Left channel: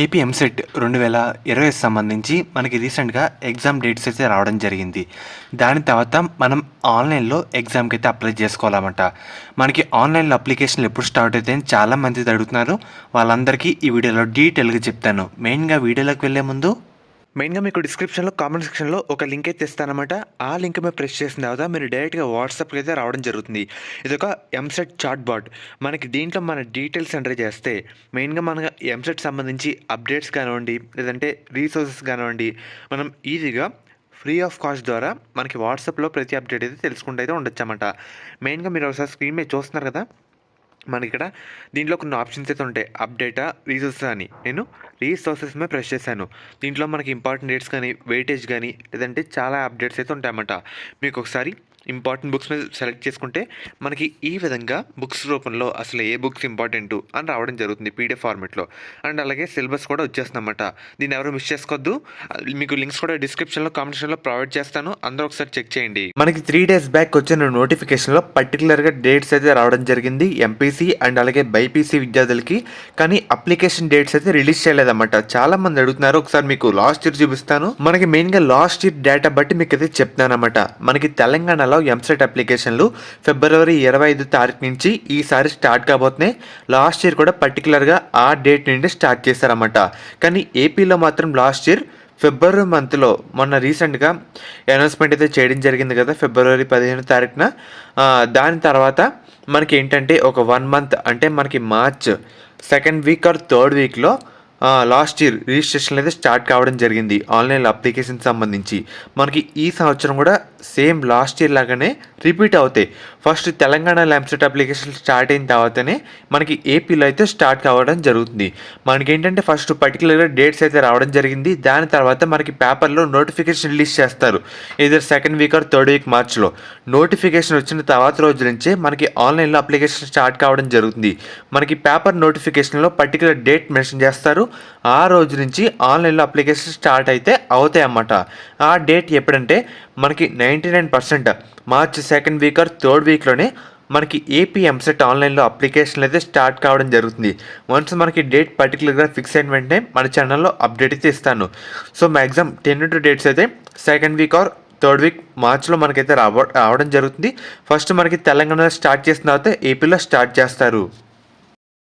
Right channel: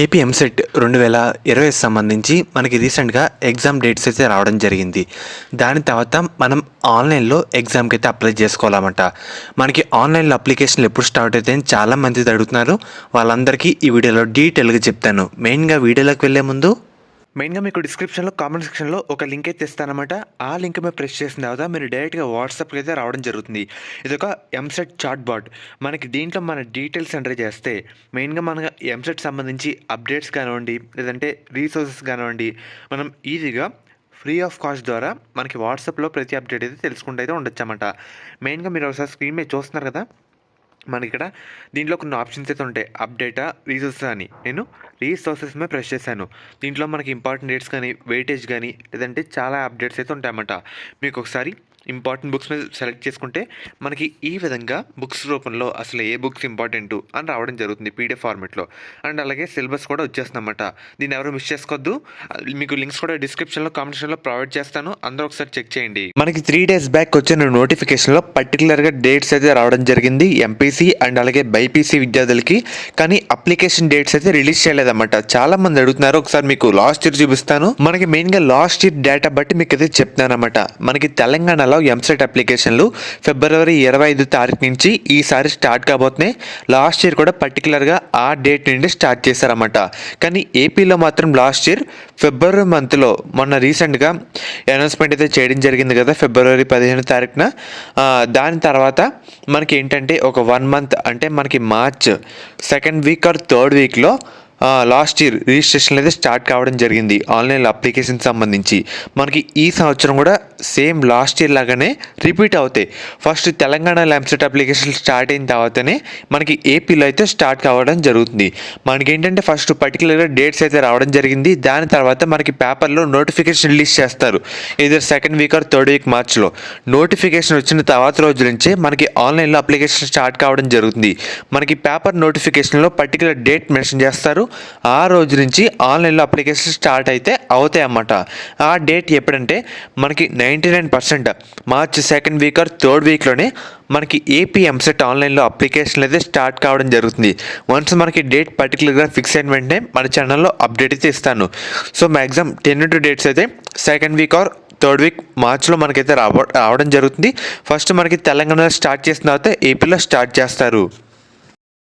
AP EAMCET 2020 సంబంధించి మనకి రీసెంట్గా ఎగ్జామ్ డేట్స్ అయితే రావడం జరిగింది. దాని తర్వాత మనం ఆన్లైన్లో ఎగ్జామ్కి అయితే అప్లై చేసుకోవాలన్నమాట. మనకి ఆన్లైన్లో అప్లికేషన్లు ఎప్పుడు స్టార్ట్ అవుతాయని చాలామంది అడుగుతున్నారు. వాళ్ళందరికీ ఈ వీడియోలో డీటెయిల్గా చెప్తాను. మెయిన్గా వీడియోలోకి వెళ్ళే ముందు మీకు డిస్క్రిప్షన్లో కామెంట్ సెక్షన్లో ఒక లింక్ అయితే ఇస్తానమాట. ఆ లింక్ మీద ప్రెస్ చేసిన తర్వాత మీరు డైరెక్ట్గా వాట్సాప్కి అయితే రావడం జరుగుతుంది. ఇది ఒక ఎంసెట్ చాట్ బాట్. మనకి దీంట్లో మన డీటెయిల్స్ ఎంటర్ చేస్తే మెయిన్గా మన ఎంసెట్ సంబంధించి అప్డేట్స్ కానివ్వండి, లేదంటే రీసోర్సెస్ కానివ్వండి, మనం ఈజీగా ఫ్రీ ఆఫ్ కాస్ట్ ద్వారా మనకి వాట్సాప్లో ప్రతి అప్డేట్ అయితే తెలుసుకుంటూ అయితే ఉండొచ్చు అన్నమాట. మెయిన్గా మీరు ఒకసారి స్క్రీన్ మీద చూస్తున్నారు కదా, మనకి ఇక్కడ దీంట్లో కొన్ని ఆప్షన్స్ అయితే ఉంటాయి. అప్డేటా, రీసోర్సెస్ అని. నేను రీసోర్సెస్ మీద ప్రెస్ చేశాను. దీంట్లో మనకి ఇంపార్టెంట్ డేట్స్ కానీ, వెయిటేజ్ కానీ, లేదంటే చాలా అప్డేట్స్ అయితే ఉంటాయన్నమాట. మీకు ఒకసారి ఇంపార్టెంట్ బుక్స్ మీద సెలెక్ట్ చేసుకుంటే మనకి ఈ విధంగా బుక్స్ రూపంలో అసలు ఏ బుక్స్ ఇంపార్టెంట్ అని రావడం జరుగుతుంది పీడిఎఫ్ ఫార్మెట్లో. అండ్ అలాగే సిలబస్ కూడా వచ్చేస్తుందన్నమాట. దీన్ని ఎవరు మిస్ చేసుకోవద్దు. మీకు లింక్స్ కూడా డిస్క్రిప్షన్లో, కామెంట్ సెక్షన్లో ప్రొవైడ్ చేస్తాను. అందరూ ఒకసారి చెక్ చేయండి. మనకి 3 days బ్యాక్ వచ్చిన నోటిఫికేషన్లో పర్టికులర్గా డేట్స్ అయితే రావడం జరిగింది ఎంపీసీ అండ్ అలాగే బైపీసీ విద్యార్థులకి. కానీ అప్లికేషన్ డేట్స్ అయితే రిలీజ్ చేయలేదన్నమాట. చాలా మంది అడుగుతున్నారు. ఒకసారి మీకు లాస్ట్ ఇయర్ చూపిస్తాను. మనకి మెయిన్గా లాస్ట్ ఇయర్ డేటా బట్టి మీకు అయితే చెప్తాను అనమాట. మనకి తెలంగాణలో ఎంసెట్ అప్లికేషన్లు February 25 నుంచి ఈసారి స్టార్ట్ కాబోతున్నాయి. లాస్ట్ ఇయర్ కూడా పర్టికులర్గా ఆ డేట్ నుండి స్టార్ట్ చేశారన్నమాట. కానీ ఏపీలో మాత్రం లాస్ట్ ఇయర్ ఫిబ్రవరి మంత్లో మొన్న రీసెంట్గా అనౌన్స్మెంట్ అయితే చేయడం జరిగింది కదా, February 15 దాని తర్వాత మనకి ఏంటంటే ఒక 1 month అంటే మనకి March 2nd week or 3rd weekలో లాస్ట్ ఇయర్ రిజిస్ట్రేషన్లు అయితే స్టార్ట్ కావడం జరిగింది ఆన్లైన్ అప్లికేషన్ సంబంధించి. మనకి ఈ సంవత్సరం కూడా సేమ్ లాస్ట్ ఇయర్ లాగానే రిపీట్ అవుతాయి. First Telangana EAMCET application start అయిన తర్వాతనే మనకి ఏపీలో అయితే స్టార్ట్ కావడం జరుగుతుంది. మనకి ఏంటంటే ఫస్ట్ పర్టికులర్గా డేట్స్ అయితే రావడం జరిగింది. దాని తర్వాత మనకి పేపర్లో నోటిఫికేషన్ రిలీజ్ చేస్తారు. ఇదే 2nd week or 3rd week మార్చ్లో. నోటిఫికేషన్ వచ్చిన తర్వాత రోజు నుంచే మనకి ఆన్లైన్లో అప్లికేషన్ స్టార్ట్ కావడం జరుగుతుంది. మనకి పేపర్ నోటిఫికేషన్లో పర్టికులర్ డేట్ మెన్షన్ చేస్తారు. ఆ రోజు నుంచి ఆన్లైన్లో అప్లికేషన్ స్టార్ట్ అయితే అవుతాయి అన్నమాట. ఆ డేట్ ఎప్పుడంటే మనకి 99% March 2nd week or 3rd weekలోనే మనకి ఏపీ ఎంసెట్ ఆన్లైన్లో అప్లికేషన్లు అయితే స్టార్ట్ కావడం జరుగుతుంది. వన్స్ మనకి డేట్ పర్టికులర్గా ఫిక్స్ అయిన వెంటనే మన ఛానల్లో అప్డేట్ అయితే ఇస్తాను. సో మ్యాక్సిమం 10 డేట్స్ అయితే 2nd week or 3rd week మార్చ్లో మనకైతే రావడం జరుగుతుంది. ఫస్ట్ మనకి తెలంగాణలో స్టార్ట్ చేసిన తర్వాత ఏపీలో స్టార్ట్ చేస్తారు.